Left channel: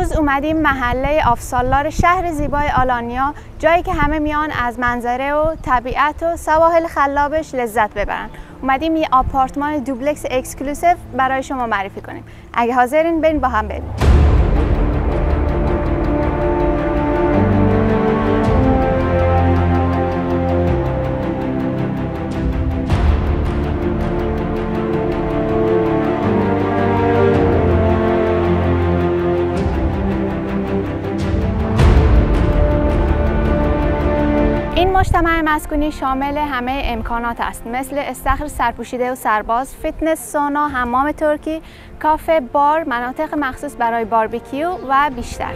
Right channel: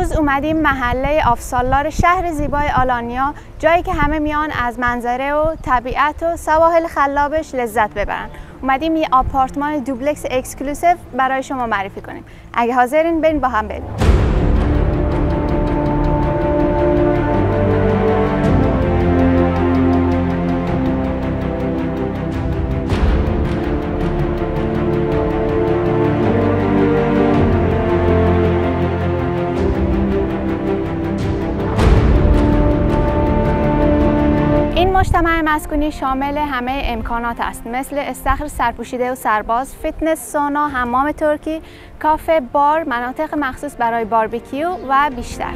امروز اومدیم محله آفسالار شهر زیبای آلانیا، جایی که همه میان از منظره و طبیعت و سواحل خلابش لذت ببرن. اومدیم یه آپارتمان دوبلکس اکسکلوسیو برای شما معرفی کنیم. اگه حاضرین بریم با هم بریم. این مجتمع مسکونی شامل همه امکانات است، مثل استخر سرپوشیده و سرباز، فیتنس، سونا، حمام ترکی، کافه، بار، مناطق مخصوص برای باربیکیو و بیشتر.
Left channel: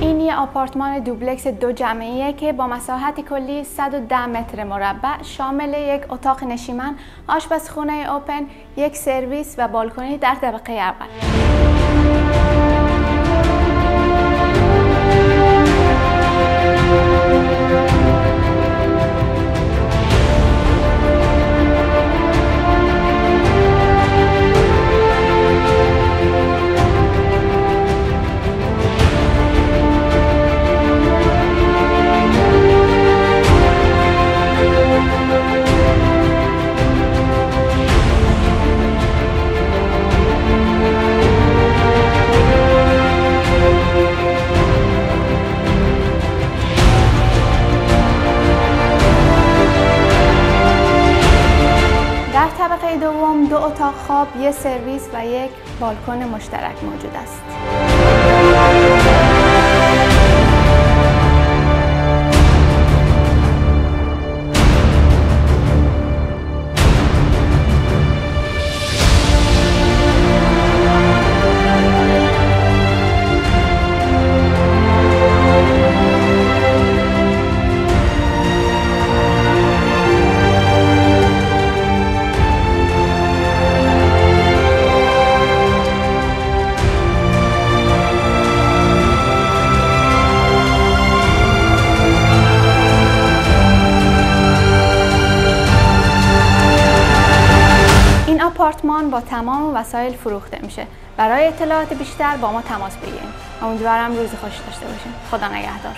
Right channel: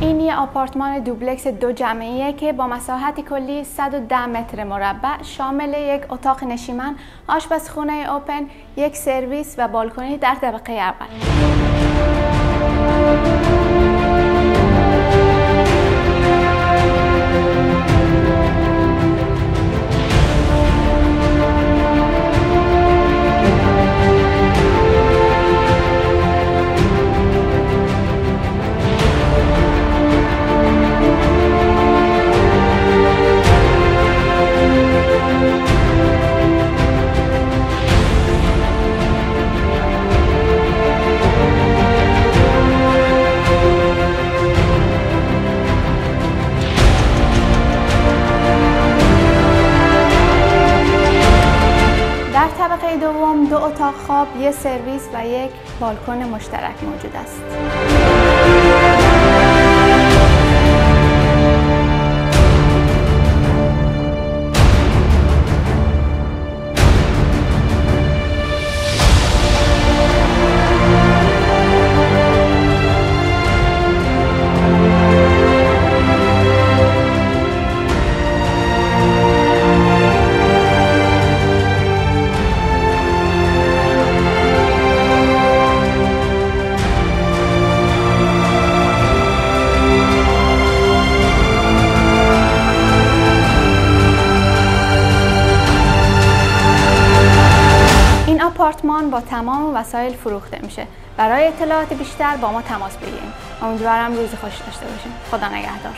این یه آپارتمان دوبلکس دو جمعیه که با مساحت کلی 110 متر مربع شامل یک اتاق نشیمن، آشپزخونه اوپن، یک سرویس و بالکنی در طبقه اول. در طبقه دوم دو اتاق خواب، یک سرویس و یک بالکن مشترک موجود است. این آپارتمان با تمام وسایل فروخته میشه. برای اطلاعات بیشتر با ما تماس بگیرید. امیدوارم روز خوشی داشته باشین. خدا نگهدار.